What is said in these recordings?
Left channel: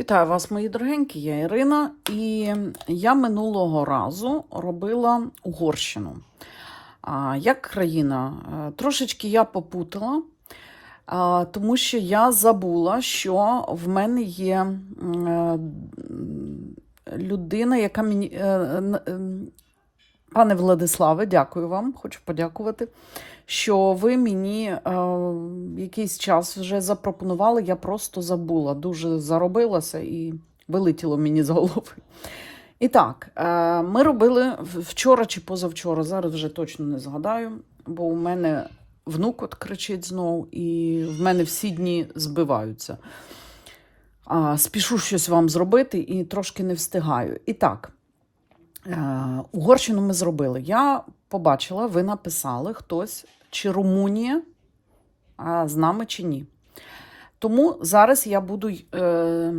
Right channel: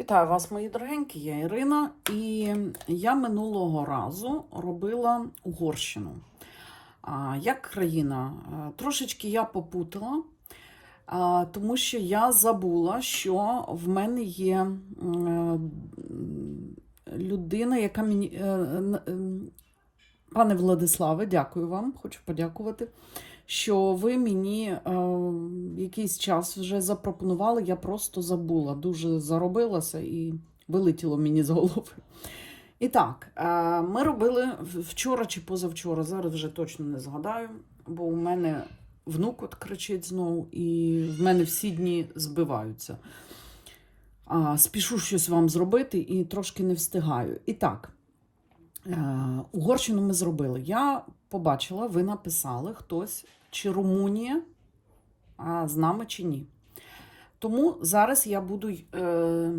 Вітаю вас, мої дорогенькі, я Ірина, і я минулого разу робила Угорщину. Як країна, Е, трошечки я попутала, тому що я забула, що в мене є е, людина, яка мені. е, Пане Владиславе, дякую вам, хочу подякувати, що ви мені е, якийсь час вже запропонували. Я просто забула, дуже заробилася і вилетіло мені з голови. І так, е, ми робили вчора чи позавчора, зараз вже точно не згадаю, бо у мене внук от кричить знов, і в мене всі дні збиваються. А, спішу щось вам зробити і трошки не встигаю. І так. Е, Угорщину ми зробили. Я побачила, ви написали хтось, чи Румунія з нами, чи ні. Тому зараз я буду е,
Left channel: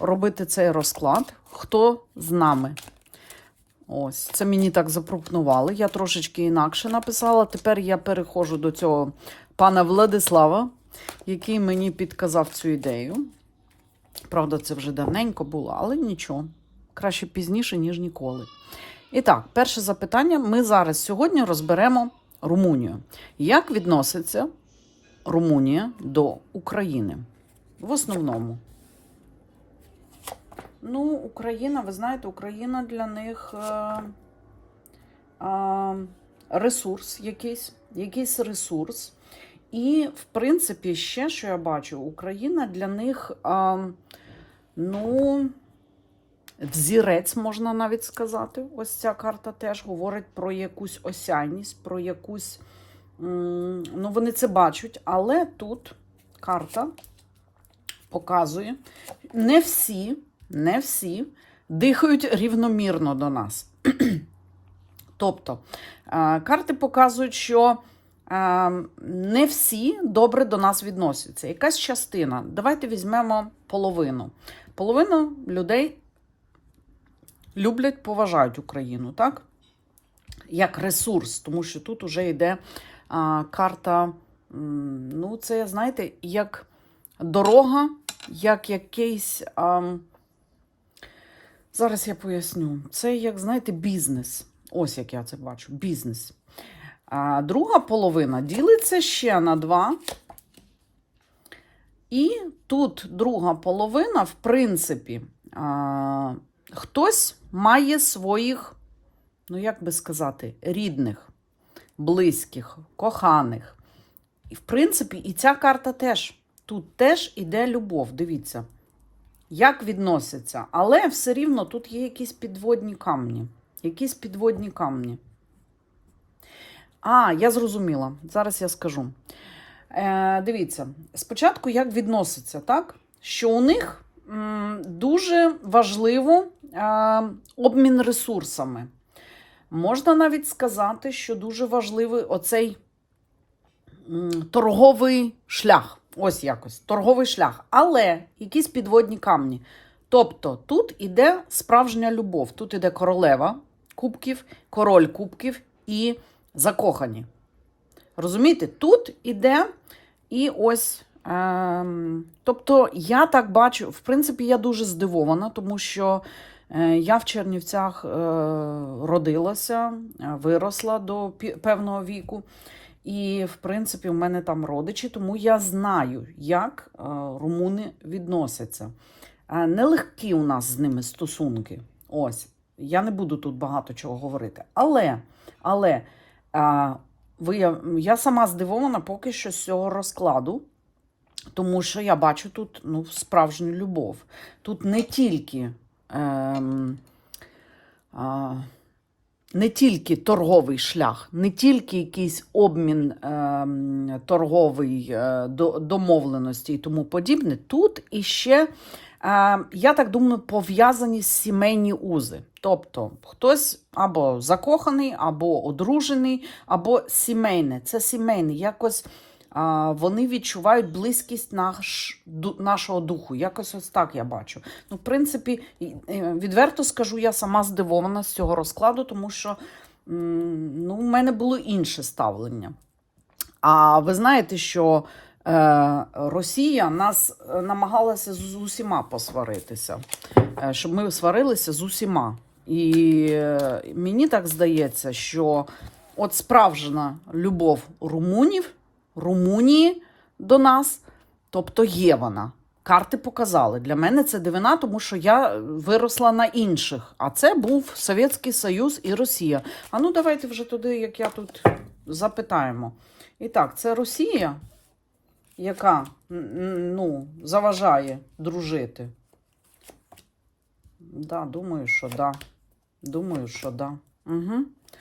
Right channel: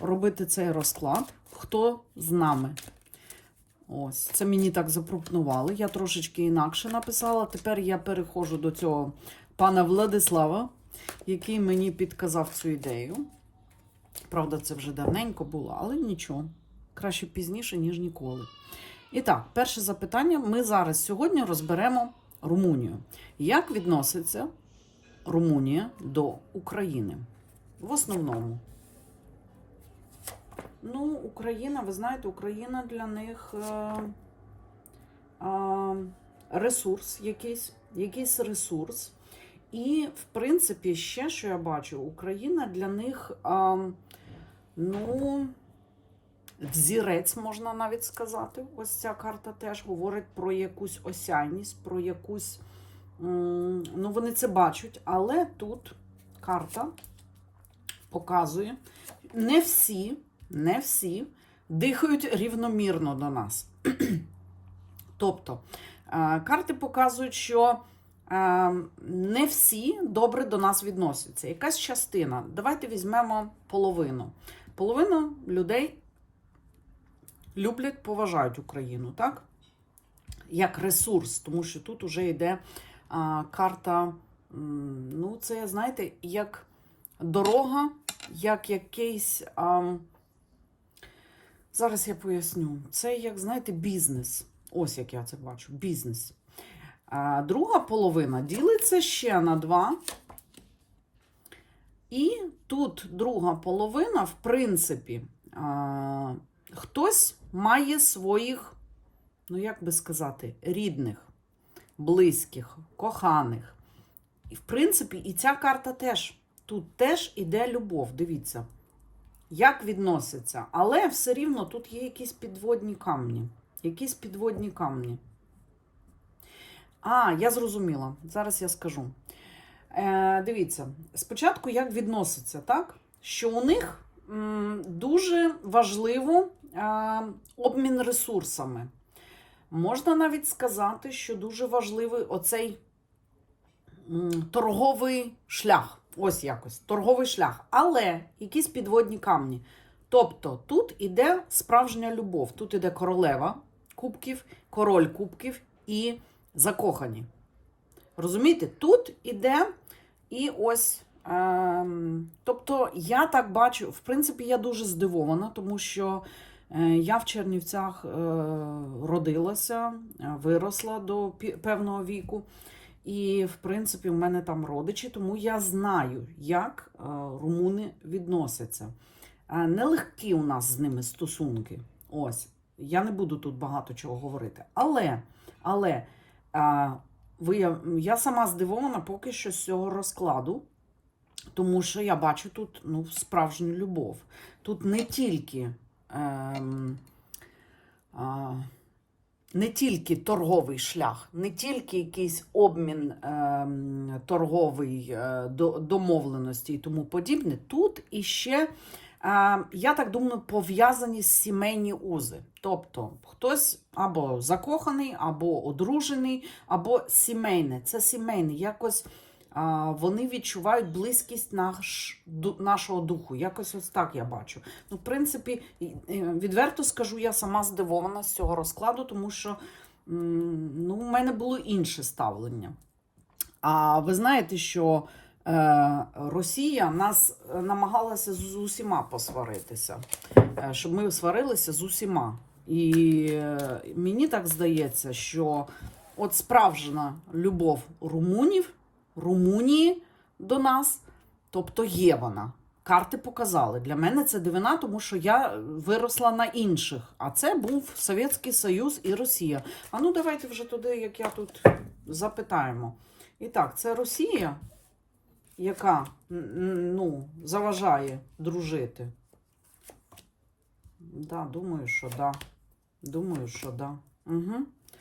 робити цей розклад. Хто з нами? Ось, це мені так запропонували. Я трошечки інакше написала. Тепер я переходжу до цього пана Владислава, який мені підказав цю ідею. Правда, це вже давненько було, але нічого краще пізніше, ніж ніколи. І так, перше запитання. Ми зараз сьогодні розберемо Румунію. Як відноситься Румунія до України? В основному. Ну, Україна, ви знаєте, Україна для них е, е, ресурс якийсь, якийсь ресурс. І, в принципі, ще, що я бачу, Україна для них, е, ну, взірець, можна навіть сказати. Ось ця карта теж говорить про якусь осяйність, про якусь. Ну, вони це бачать, але тут карта показує, не всі, не всі дихають рівномірно до нас. Тобто, е, карти показують, що е, не всі добре до нас відносяться. Якась частина. Давайте візьмемо половину. Половина людей люблять, поважають Україну, так? Як ресурс, тому що тут вже йде а, карта, ну, це, знаєте, як дорога, як якийсь. А, зараз я поясню. Це, як, знаєте, бізнес. Ось як я це бачу: бізнес. А друга половина ділиться ще на два. І тут друга половина, в принципі, а, хтось має своїх, ну як би сказати, рідних, близьких, коханих. І, в принципі, і ця карта теж. Тут теж іде любов. Дивіться, як відносяться. Але все рівно тут є якісь підводні камні. Якісь підводні камні. А, я зрозуміла. Зараз я скажу. Е, Дивіться, спочатку як відноситься, так? Що у них дуже важливо е, обмін ресурсами. Можна навіть сказати, що дуже важливий оцей торговий шлях. Ось якось торговий шлях. Але якісь підводні камні. Тобто тут іде справжня любов. Тут іде королева кубків, король кубків і закохані. Розумієте, тут іде і ось. Ем, тобто, я так бачу, в принципі, я дуже здивована, тому що е, я в Чернівцях е, родилася, е, виросла до певного віку. І, в принципі, в мене там родичі, тому я знаю, як румуни відносяться. Нелегкі у нас з ними стосунки. Ось, я не буду тут багато чого говорити. Але, але ви, я сама здивована поки що з цього розкладу, тому що я бачу тут ну, справжню любов. Тут не тільки. Ем, а, не тільки торговий шлях, не тільки якийсь обмін ем, торговий е, домовленості і тому подібне. Тут іще, е, я так думаю, пов'язані сімейні узи. Тобто хтось або закоханий, або одружений, або сімейне. Це сімейне. Якось вони відчувають близькість наш, нашого духу. Якось ось так я бачу. Ну, в принципі, е, відверто скажу, я сама здивована з цього розкладу, тому що ну, в мене було інше ставлення. А ви знаєте, що Е, Росія нас е, намагалася з усіма посваритися, щоб ми сварилися з усіма. І мені так здається, що от справжня любов румунів, Румунії до нас, тобто є вона. Карти показали. Для мене це дивина, тому що я виросла на інших. А це був Совєтський Союз і Росія. А ну давайте вже туди, як я тут запитаємо. І так, це Росія, яка ну, заважає дружити. Да, думаю, що да. Думаю, що да. Угу.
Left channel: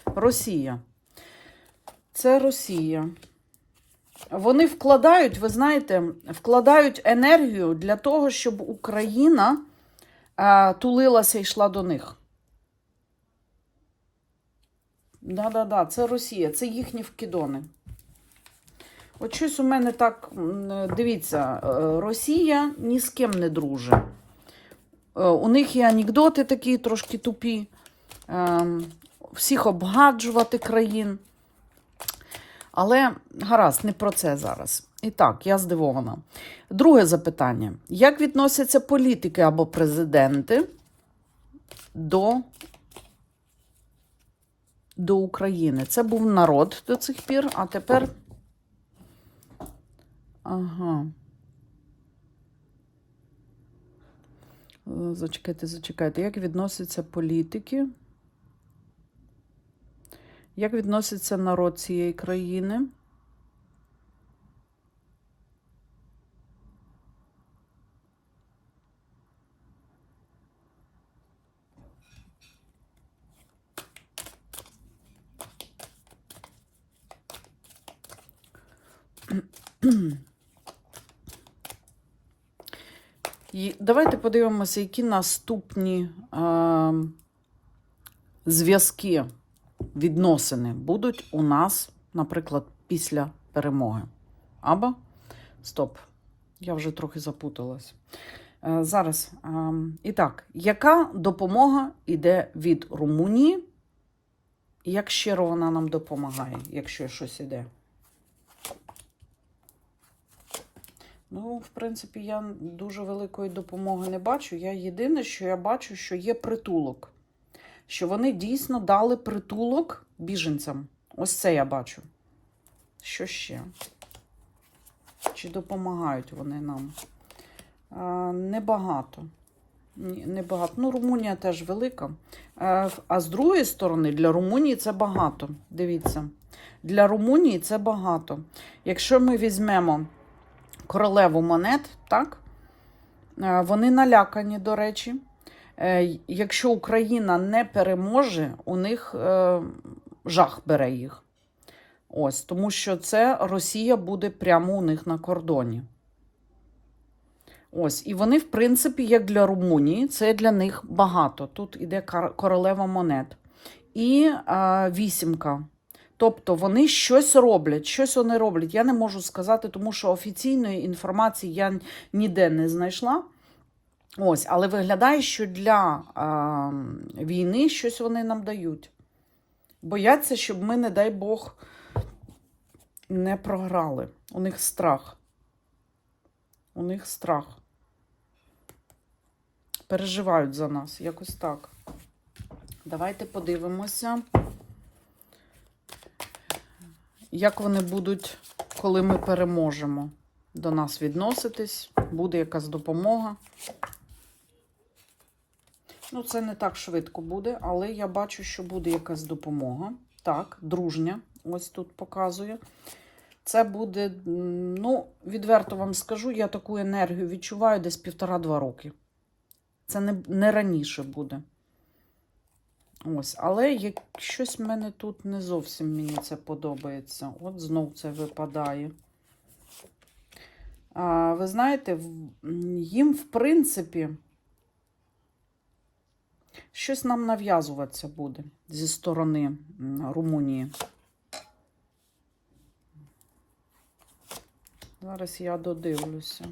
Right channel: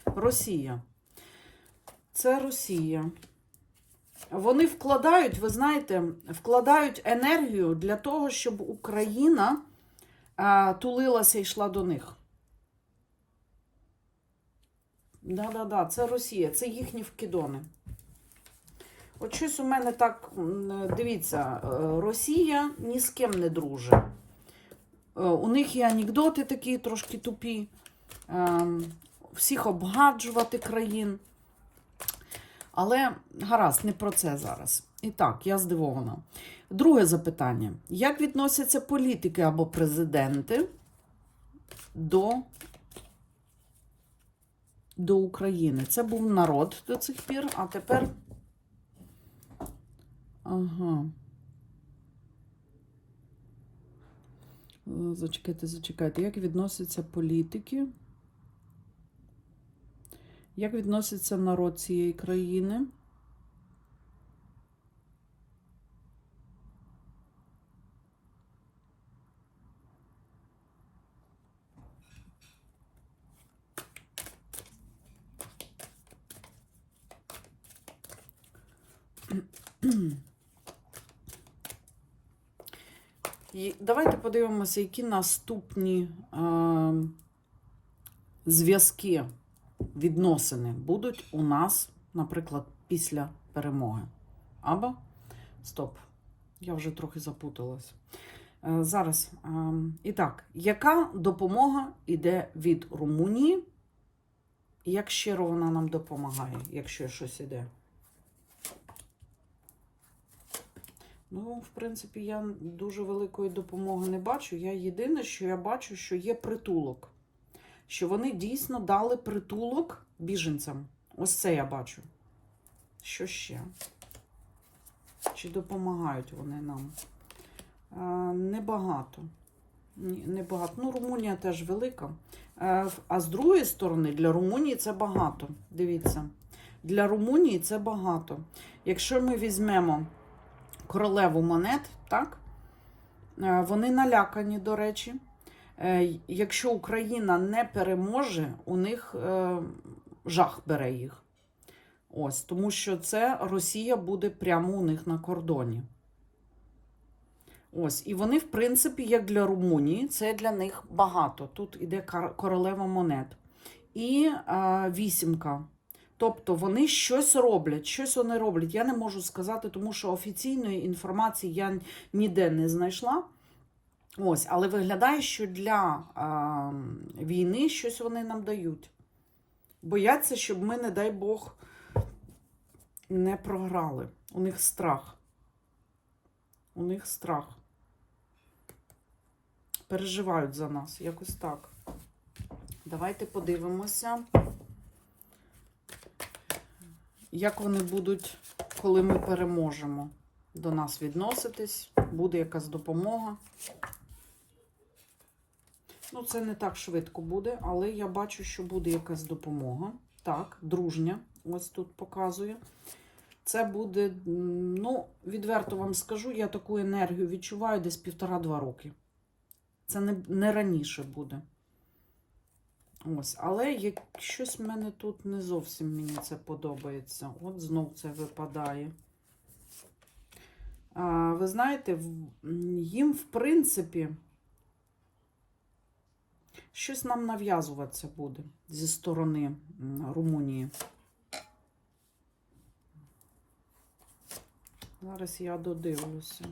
Росія. Це Росія. Вони вкладають, ви знаєте, вкладають енергію для того, щоб Україна е, тулилася і йшла до них. Да-да-да, це Росія, це їхні вкидони. От щось у мене так, дивіться, е, Росія ні з ким не дружить. Е, У них є анекдоти такі трошки тупі. Ем, Всіх обгаджувати країн. Але гаразд, не про це зараз. І так, я здивована. Друге запитання: як відносяться політики або президенти до, до України? Це був народ до цих пір, а тепер. Ага. Е, Зачекайте, зачекайте. Як відносяться політики? Як відноситься народ цієї країни? І давайте подивимося, які наступні е, зв'язки відносини будуть у нас, наприклад, після перемоги. Або стоп, я вже трохи запуталась. Е, Зараз. е, І так, яка допомога йде від Румунії? Як щиро вона нам допомагає, якщо щось іде? Ну, в принципі, я дуже великої допомоги не бачу. Я єдине, що я бачу, що є притулок що вони дійсно дали притулок біженцям. Ось це я бачу. Що ще? Чи допомагають вони нам? Е, небагато. Небагато. Ну, Румунія теж велика. Е, а з другої сторони, для Румунії це багато. Дивіться, для Румунії це багато. Якщо ми візьмемо королеву монет, так? Е, вони налякані, до речі. Е, Якщо Україна не переможе, у них е, жах бере їх. Ось, тому що це Росія буде прямо у них на кордоні. Ось, і вони, в принципі, як для Румунії, це для них багато. Тут іде королева монет. І е, вісімка. Тобто вони щось роблять, щось вони роблять. Я не можу сказати, тому що офіційної інформації я ніде не знайшла. Ось, але виглядає, що для е, війни щось вони нам дають. Бояться, щоб ми, не дай Бог, не програли. У них страх. У них страх. Переживають за нас. Якось так. Давайте подивимося, як вони будуть, коли ми переможемо до нас відноситись. Буде якась допомога. Ну, це не так швидко буде, але я бачу, що буде якась допомога. Так, дружня, ось тут показує. Це буде, ну, відверто вам скажу, я таку енергію відчуваю десь півтора-два роки. Це не, не раніше буде. Ось, але як щось в мене тут не зовсім мені це подобається. От знов це випадає. А, ви знаєте, їм, в принципі, щось нам нав'язуватися буде зі сторони Румунії. Зараз я додивлюся.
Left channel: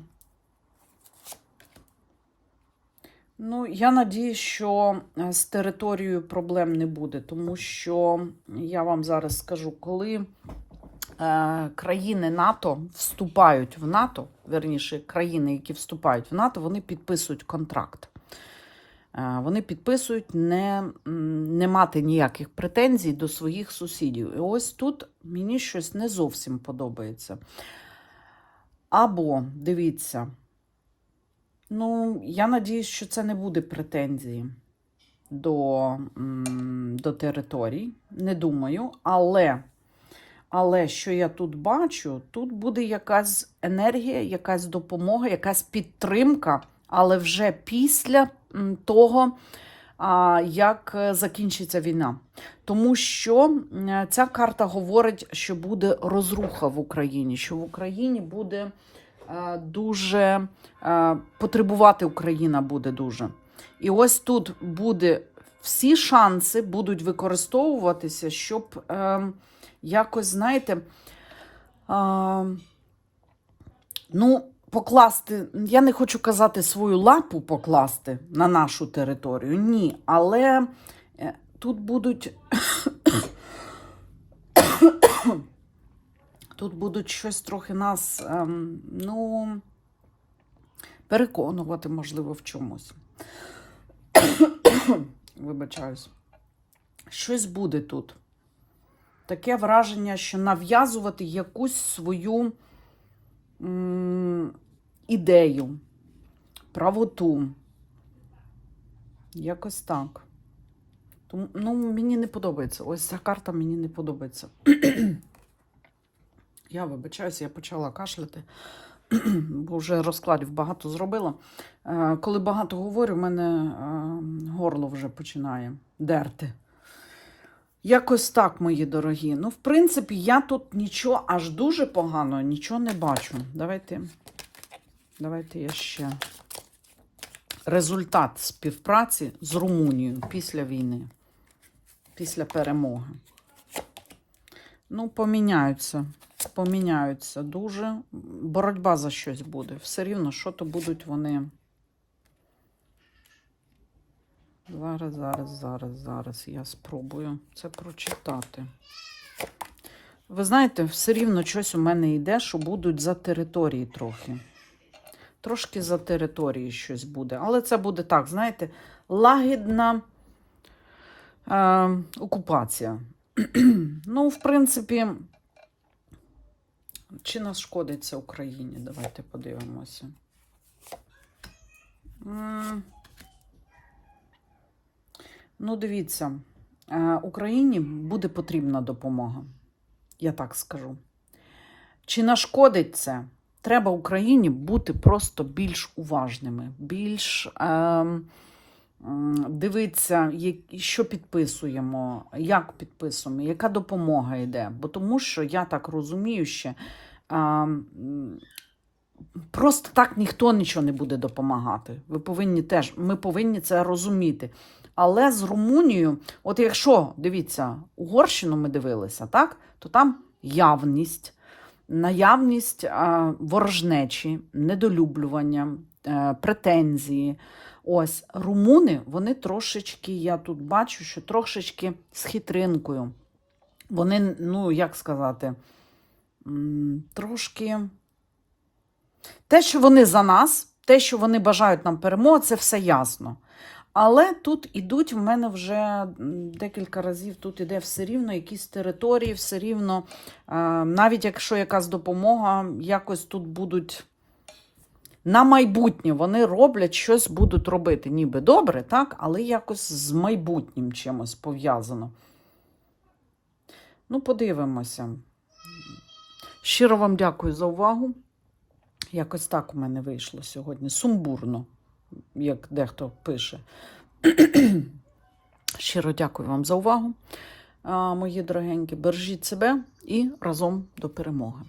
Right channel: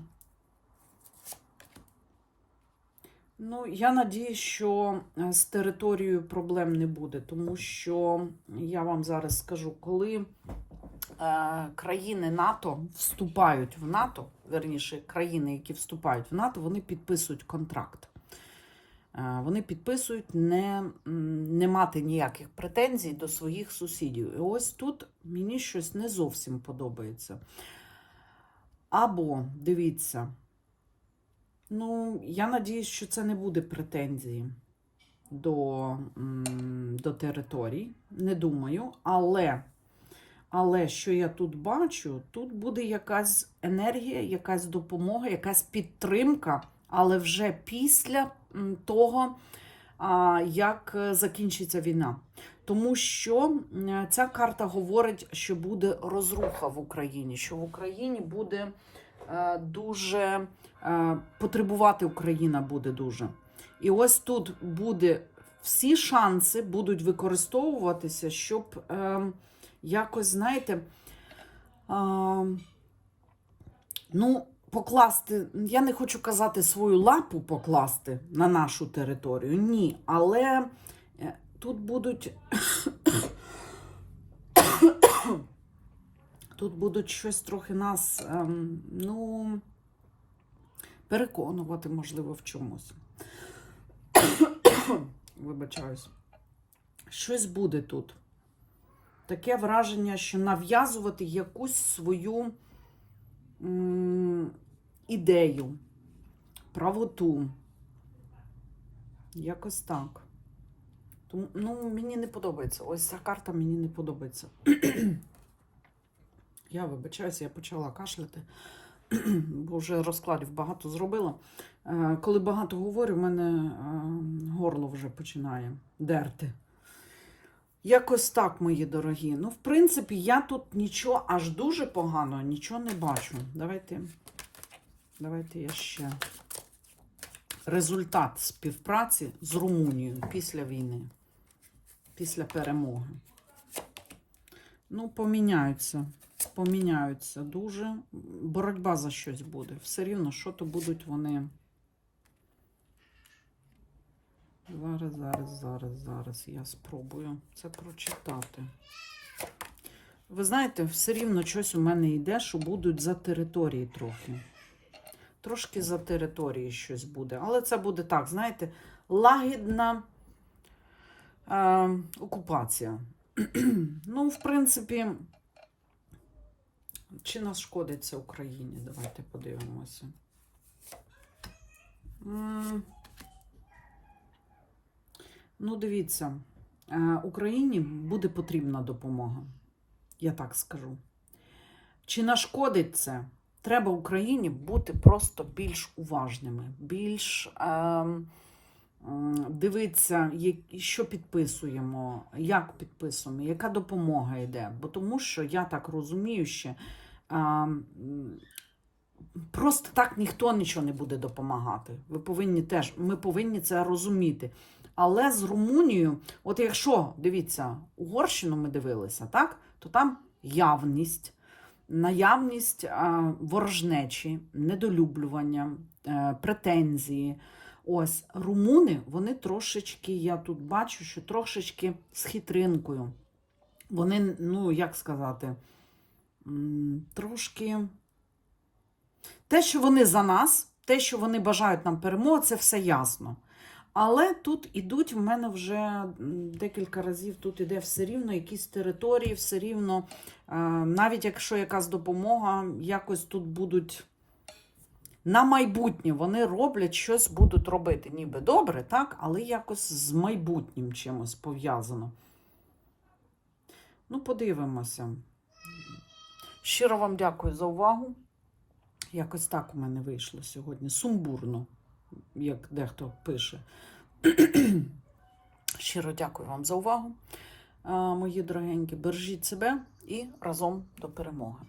Ну, я надію, що е, з територією проблем не буде, тому що я вам зараз скажу, коли е, країни НАТО вступають в НАТО, верніше, країни, які вступають в НАТО, вони підписують контракт. Е, Вони підписують не, не мати ніяких претензій до своїх сусідів. І ось тут мені щось не зовсім подобається. Або, дивіться, ну, я надіюсь, що це не буде претензії до, до територій. Не думаю, але. Але що я тут бачу, тут буде якась енергія, якась допомога, якась підтримка, але вже після того, як е, закінчиться війна. Тому що ця карта говорить, що буде розруха в Україні, що в Україні буде е, дуже е, потребувати Україна буде дуже. І ось тут буде всі шанси будуть використовуватися, щоб. Е, якось, знаєте, а, ну, покласти, я не хочу казати свою лапу покласти на нашу територію, ні, але е, тут будуть. Тут будуть щось трохи нас, ем, ну, переконувати, можливо, в чомусь. Вибачаюсь. Щось буде тут таке враження, що нав'язувати якусь свою ідею, правоту. Якось так. Тому, ну, мені не подобається. Ось ця карта мені не подобається. я вибачаюся, я почала кашляти, бо вже розкладів багато зробила. Е, Коли багато говорю, в мене е, горло вже починає дерти. Якось так, мої дорогі. Ну, в принципі, я тут нічого аж дуже погано, нічого не бачу. Давайте, давайте я ще. Результат співпраці з Румунією після війни, після перемоги. Ну, поміняються. Поміняються дуже. Боротьба за щось буде. Все рівно, що то будуть вони. Зараз, зараз, зараз, зараз я спробую це прочитати. Ви знаєте, все рівно щось у мене йде, що будуть за території трохи. Трошки за території щось буде. Але це буде так, знаєте, лагідна е, окупація. ну, в принципі, чи нашкодиться Україні? Давайте подивимося. Ну, дивіться, е, Україні буде потрібна допомога. Я так скажу. Чи нашкодить це? Треба Україні бути просто більш уважними, більш е, дивитися, що підписуємо, як підписуємо, яка допомога йде. Бо тому що я так розумію, що е, просто так ніхто нічого не буде допомагати. Ви повинні теж, ми повинні це розуміти. Але з Румунією, от якщо дивіться, Угорщину ми дивилися, так, то там явність, наявність е, ворожнечі, недолюблювання, е, претензії. Ось румуни, вони трошечки, я тут бачу, що трошечки з хитринкою. Вони, ну, як сказати, трошки. Те, що вони за нас, те, що вони бажають нам перемоги, це все ясно. Але тут ідуть в мене вже декілька разів, тут іде все рівно якісь території, все рівно, е, навіть якщо якась допомога, якось тут будуть на майбутнє вони роблять щось будуть робити. Ніби добре, так, але якось з майбутнім чимось пов'язано. Ну, подивимося. Щиро вам дякую за увагу. Якось так у мене вийшло сьогодні. Сумбурно, як дехто пише. Щиро дякую вам за увагу, мої дорогенькі. Бережіть себе і разом до перемоги.